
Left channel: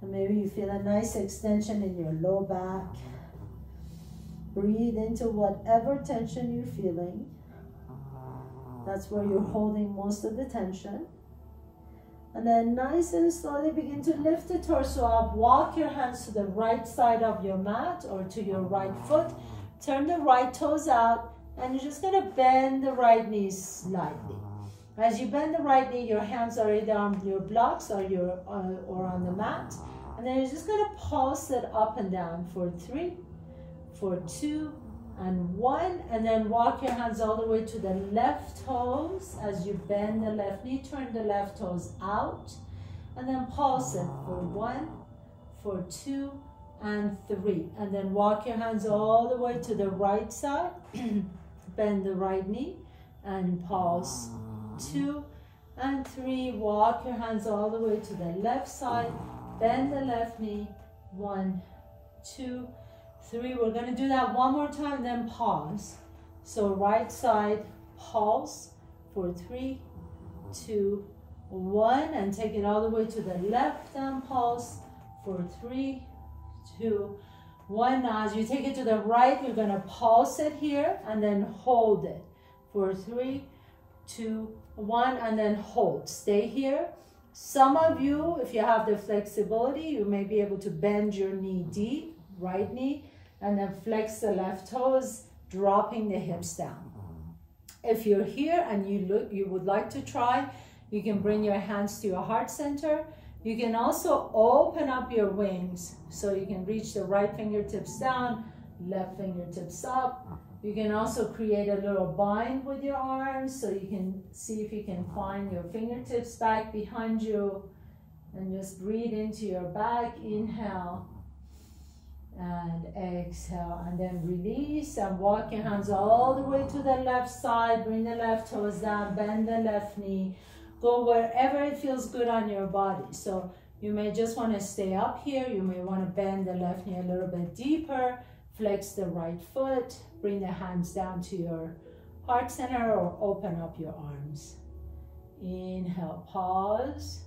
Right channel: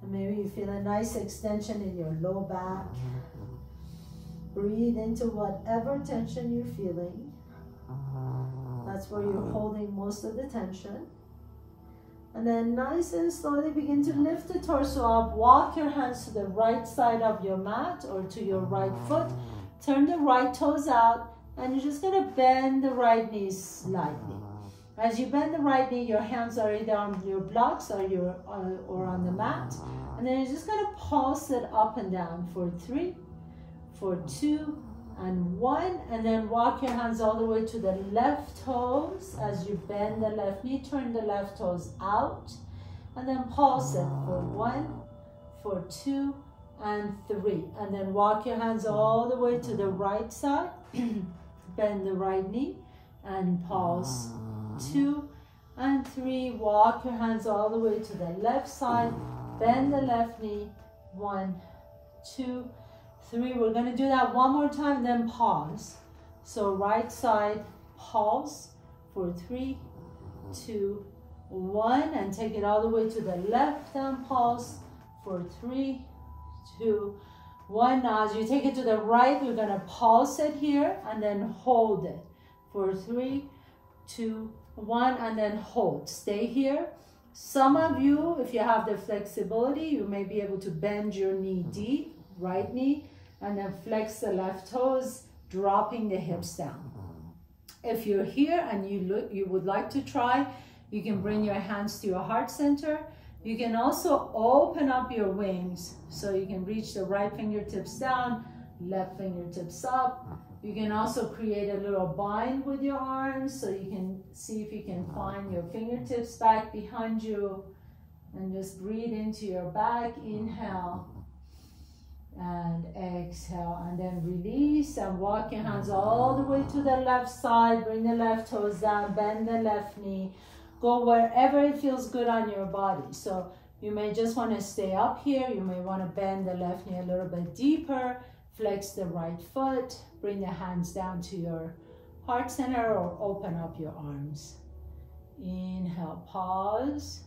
And maybe you feel a nice extension in your low back. Breathe into whatever tension you're feeling. That's where you're holding most of the tension. And then nice and slowly begin to lift the torso up. Walk your hands to the right side of your mat or to your right foot. Turn the right toes out, and you're just gonna bend the right knee slightly. As you bend the right knee, your hands are either on your blocks or on the mat. And then you're just gonna pulse it up and down for 3, for 2, and 1, and then walk your hands all the way to the left toes. As you bend the left knee, turn the left toes out, and then pulse it for 1, for 2, and 3. And then walk your hands all the way to the right side, bend the right knee, and pulse 2 and 3. Walk your hands all the way to the left side, bend the left knee, 1, 2, 3. We're going to do that one more time, then pause. So right side, pulse for 3, 2, 1, and take it all the way to the left and pulse for 3, 2, 1. Now as you take it to the right, we're going to pulse it here and then hold it for 3, 2, 1, and then hold. Stay here. Some of you, if you have the flexibility, you may be able to bend your knee deep, right knee, and then flex the left toes, dropping the hips down. If you're here and you would like to try, you can bring your hands to your heart center. You can also open up your wings so you can reach the right fingertips down, left fingertips up. You can also create a little bind with your arms so you can see if you can find your fingertips back behind you, and just breathe into your back. Inhale and exhale, and then release and walk your hands all the way to the left side. Bring the left toes down, bend the left knee. Go wherever it feels good on your body. So you may just want to stay up here. You may want to bend the left knee a little bit deeper. Flex the right foot. Bring the hands down to your heart center or open up your arms. Inhale, pause.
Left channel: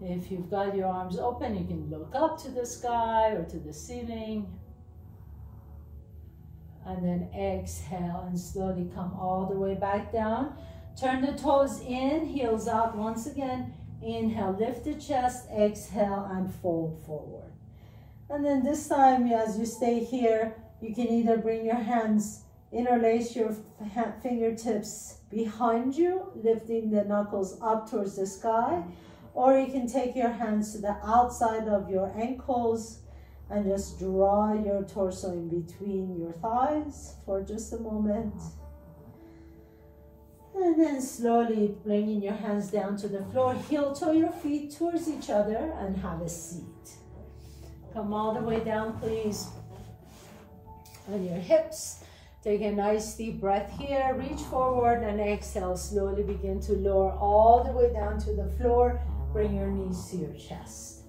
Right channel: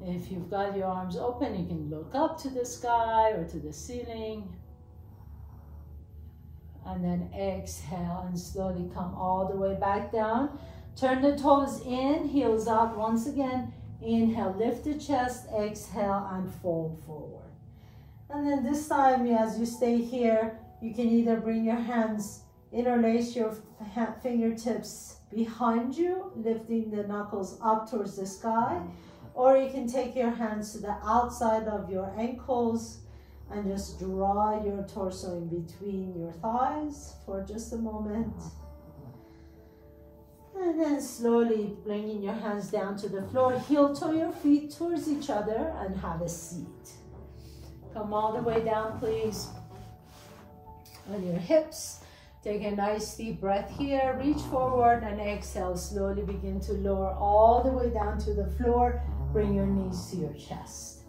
If you've got your arms open, you can look up to the sky or to the ceiling. And then exhale and slowly come all the way back down. Turn the toes in, heels out once again. Inhale, lift the chest, exhale, and fold forward. And then this time, as you stay here, you can either bring your hands, interlace your fingertips behind you, lifting the knuckles up towards the sky, or you can take your hands to the outside of your ankles and just draw your torso in between your thighs for just a moment. And then slowly bringing your hands down to the floor, heel toe your feet towards each other and have a seat. Come all the way down, please, on your hips. Take a nice deep breath here. Reach forward and exhale. Slowly begin to lower all the way down to the floor. Bring your knees to your chest.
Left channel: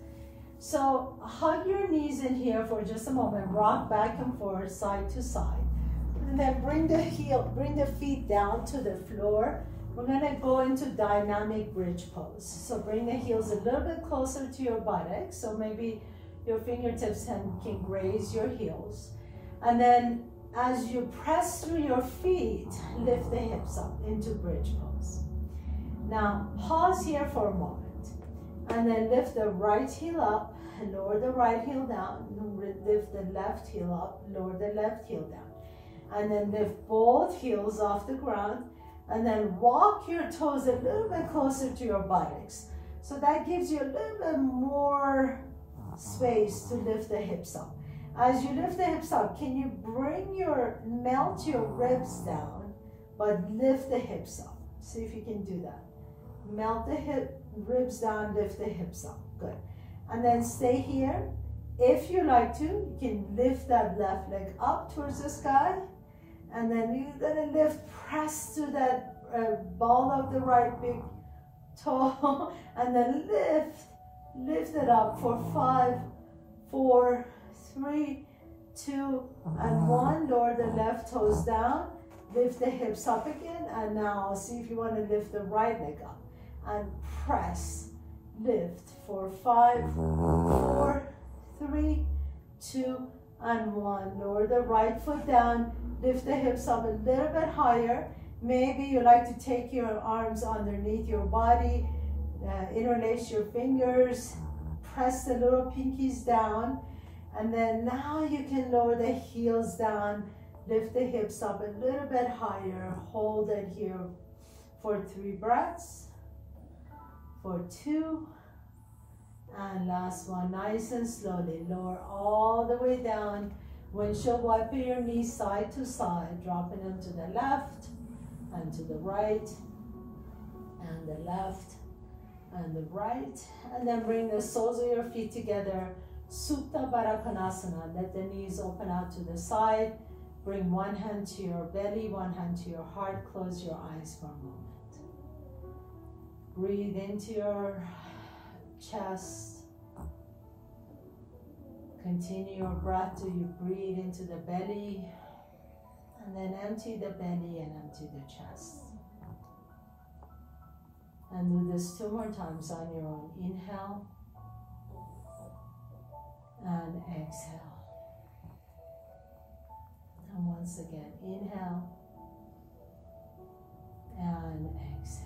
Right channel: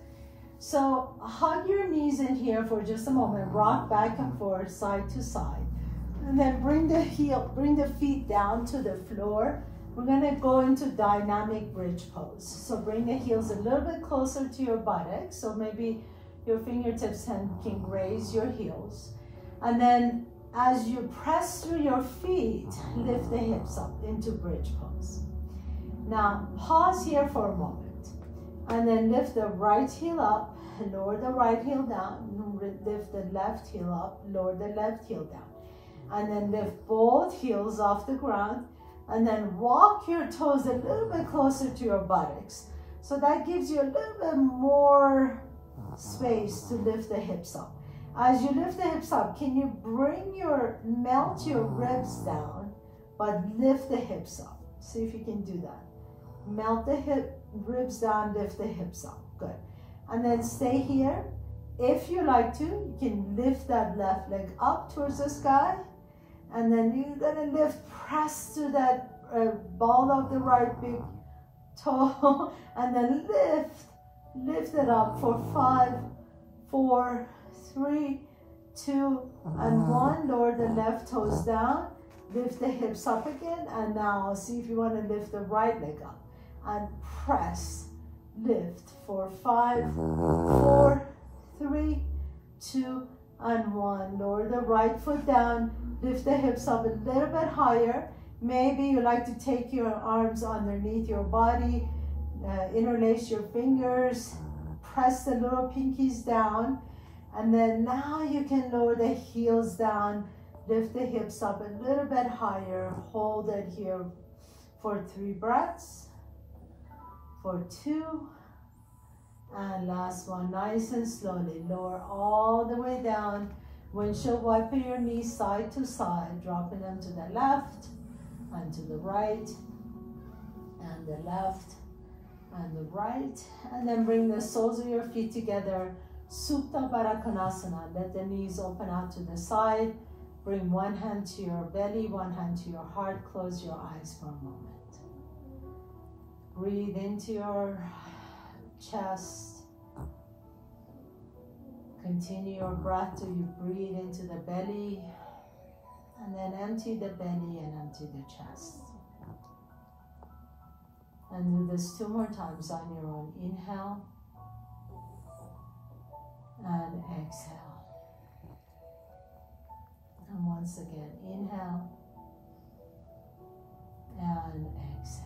So hug your knees in here for just a moment. Rock back and forth, side to side. And then bring the feet down to the floor. We're gonna go into dynamic bridge pose. So bring the heels a little bit closer to your buttocks. So maybe your fingertips can graze your heels. And then as you press through your feet, lift the hips up into bridge pose. Now pause here for a moment. And then lift the right heel up, lower the right heel down, lift the left heel up, lower the left heel down. And then lift both heels off the ground, and then walk your toes a little bit closer to your buttocks. So that gives you a little bit more space to lift the hips up. As you lift the hips up, can you melt your ribs down, but lift the hips up? See if you can do that. Melt the ribs down, lift the hips up. Good. And then stay here. If you like to, you can lift that left leg up towards the sky. And then you're gonna press to that ball of the right big toe, and then Lift it up for 5, 4, 3, 2, and 1. Lower the left toes down. Lift the hips up again. And now see if you want to lift the right leg up. And press. Lift for 5, 4, 3, 2, and 1. Lower the right foot down. Lift the hips up a little bit higher. Maybe you like to take your arms underneath your body. Interlace your fingers. Press the little pinkies down. And then now you can lower the heels down. Lift the hips up a little bit higher. Hold it here for 3 breaths. For 2. And last one, nice and slowly. Lower all the way down. Windshield wiper your knees side to side, dropping them to the left and to the right, and the left and the right. And then bring the soles of your feet together. Supta Baddha Konasana. Let the knees open out to the side. Bring one hand to your belly, one hand to your heart. Close your eyes for a moment. Breathe into your chest. Continue your breath till you breathe into the belly, and then empty the belly and empty the chest. And do this 2 more times on your own. Inhale and exhale. And once again, inhale and exhale.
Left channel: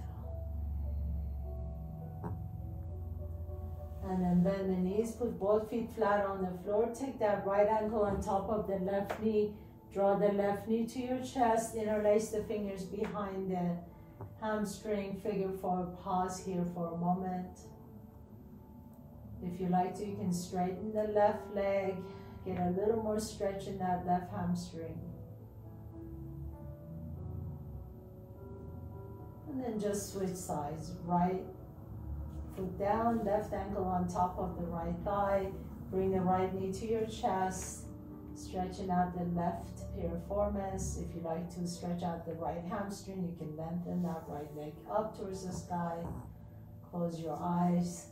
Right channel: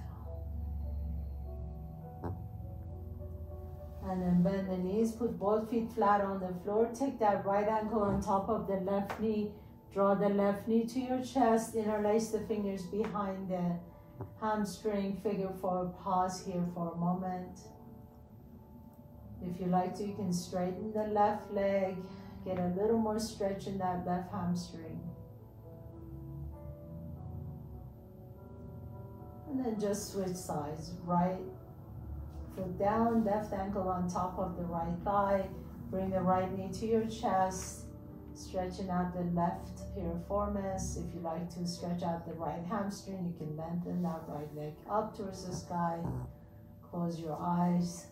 And then bend the knees, put both feet flat on the floor. Take that right ankle on top of the left knee. Draw the left knee to your chest. Interlace the fingers behind the hamstring. Figure 4. Pause here for a moment. If you like to, you can straighten the left leg. Get a little more stretch in that left hamstring. And then just switch sides. Right foot down, left ankle on top of the right thigh. Bring the right knee to your chest, stretching out the left piriformis. If you like to stretch out the right hamstring, you can lengthen that right leg up towards the sky. Close your eyes.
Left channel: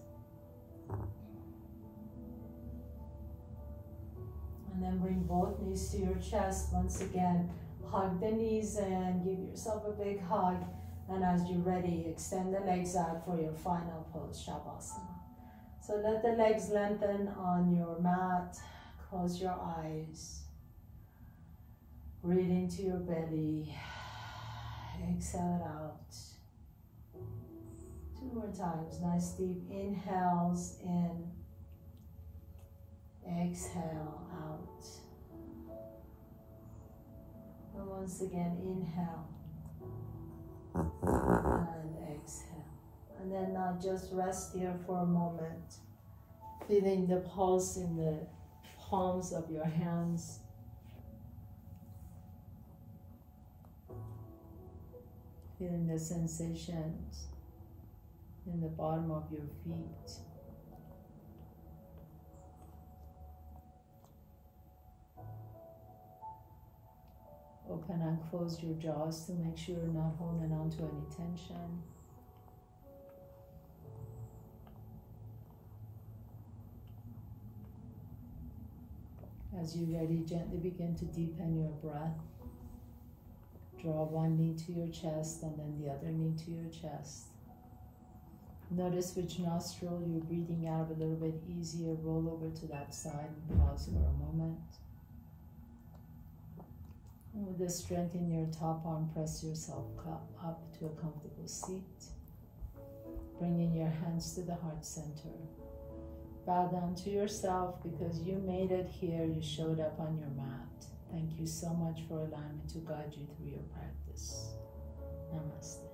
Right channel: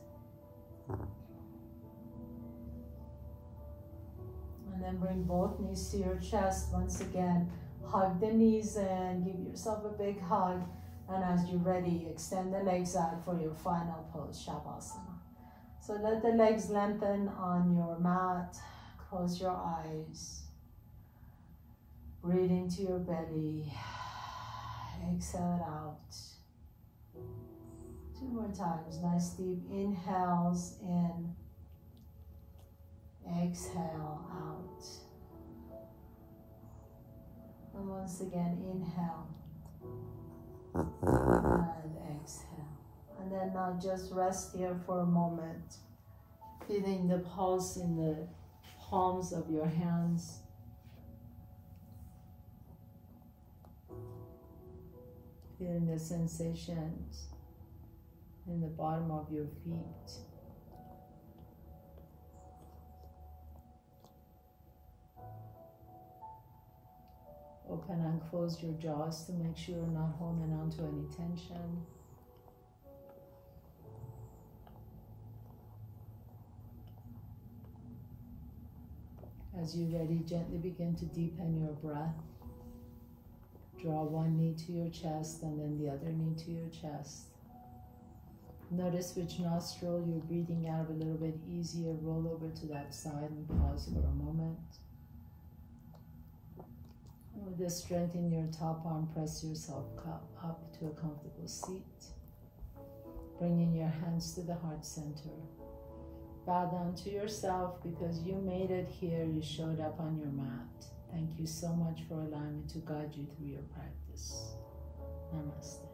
And then bring both knees to your chest. Once again, hug the knees in, give yourself a big hug. And as you're ready, extend the legs out for your final pose, Shavasana. So let the legs lengthen on your mat. Close your eyes. Breathe into your belly. Exhale it out. 2 more times. Nice deep inhales in. Exhale out. And once again, inhale. And exhale. And then now just rest here for a moment, feeling the pulse in the palms of your hands. Feeling the sensations in the bottom of your feet. Open and close your jaws to make sure you're not holding on to any tension. As you're ready, gently begin to deepen your breath. Draw one knee to your chest and then the other knee to your chest. Notice which nostril you're breathing out a little bit easier. Roll over to that side and pause for a moment. And with the strength in your top arm, press yourself up to a comfortable seat. Bringing your hands to the heart center. Bow down to yourself because you made it here. You showed up on your mat. Thank you so much for allowing me to guide you through your practice. Namaste.